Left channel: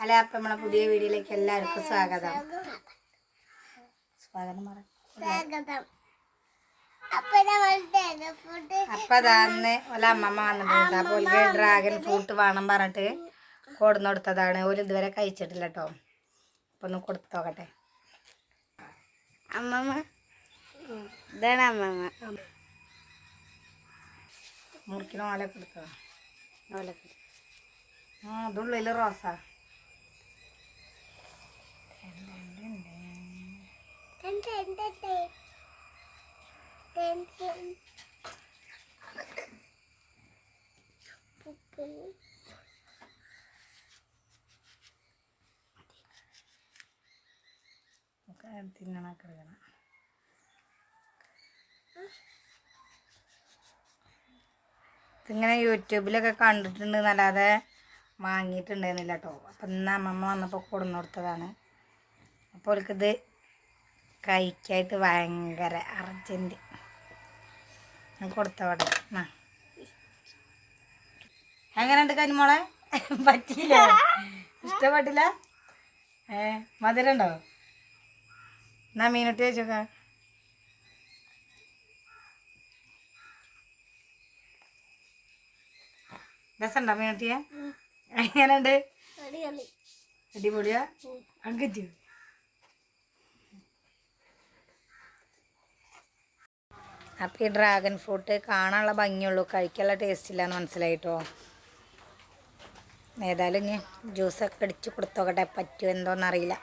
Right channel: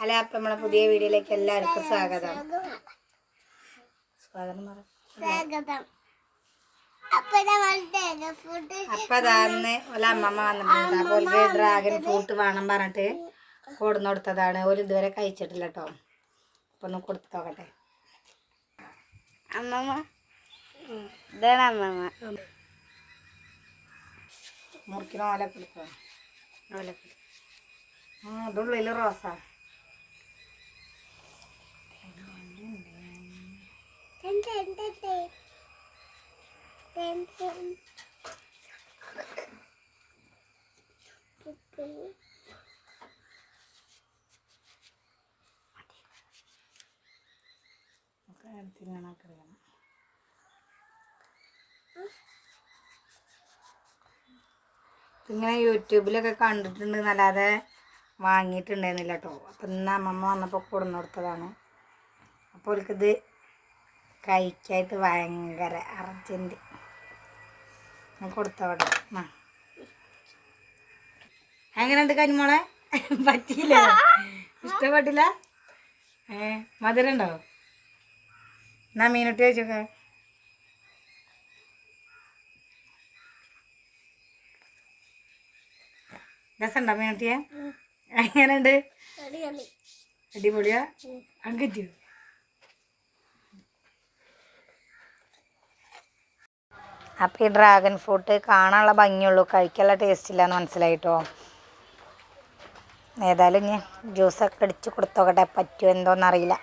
അല്ല അപ്പം നമ്മളെ പുതിയ വീഡിയോയിലേക്ക് എല്ലാവർക്കും സ്വാഗതം. സ്വാഗതം സ്വാഗതം. അപ്പൊ നമ്മൾ തേങ്ങ ഫുഡ് അപ്പൊ അതാന്ന് ഓല അമ്മമ്മ വന്നിട്ടുണ്ട്. അപ്പോൾ ഓൾക്ക് ഡ്രാഗൺ ഫ്രൂട്ട് വേണം പറഞ്ഞിട്ട് കൊടുന്നു കൊടുത്തതാണ്. ഒരു ഇതുവരെ കഴിച്ചിട്ടില്ല കേട്ടോ അപ്പൊ ഒന്ന് കൊടുത്തു നോക്കട്ടെ. അമ്മമ്മ. ഇതാണ് അമ്മമ്മ. മുറിക്കണ ഓല ആ ഇതുള്ളിൽ റോസാ. തിന്നണൊക്കെ എടുക്കണം ഇങ്ങനെ യൂട്യൂബിലൊക്കെ കണ്ടിട്ടുണ്ട് എന്നല്ലാതെ വാങ്ങിയിട്ടുണ്ടായിരുന്നില്ല കേട്ടോ. അപ്പം ഇന്ന് അമ്മമ്മ വന്നപ്പോൾ കൊടുന്നു കൊടുത്തതാണ് അപ്പോൾ അവർക്കിത് കഴിക്കായിട്ട് ഭയങ്കര അർജന്റ് ഞാൻ കൊടുത്തോടെ ആ എങ്ങനെയുണ്ട് കനിമോളെ പറ്റിയില്ല? ഇഷ്ടപ്പെട്ടില്ല? ഏ മധുരം ഉണ്ടോ എന്നാ മീനിട്ട് വെച്ചോക്കാം രസമുണ്ടോ മീനുട്ടിയെ? എങ്ങനെയുണ്ട്? അടിപൊളിയാ? അങ്കിറ്റു അപ്പോൾ ഈ ഡ്രാഗൺ ഫ്രൂട്ട് കാണാനുള്ള ഭംഗിയുള്ളൂ. കഴിക്കാനുള്ള ടേസ്റ്റ് ഇല്ലാന്ന് മനസ്സിലായിട്ടോ? ഏതായാലും ഞാൻ ജ്യൂസൊക്കെ അടിച്ച് കൊടുത്തോക്കട്ടെ. പറ്റുമോ എന്തോന്നറിയില്ല.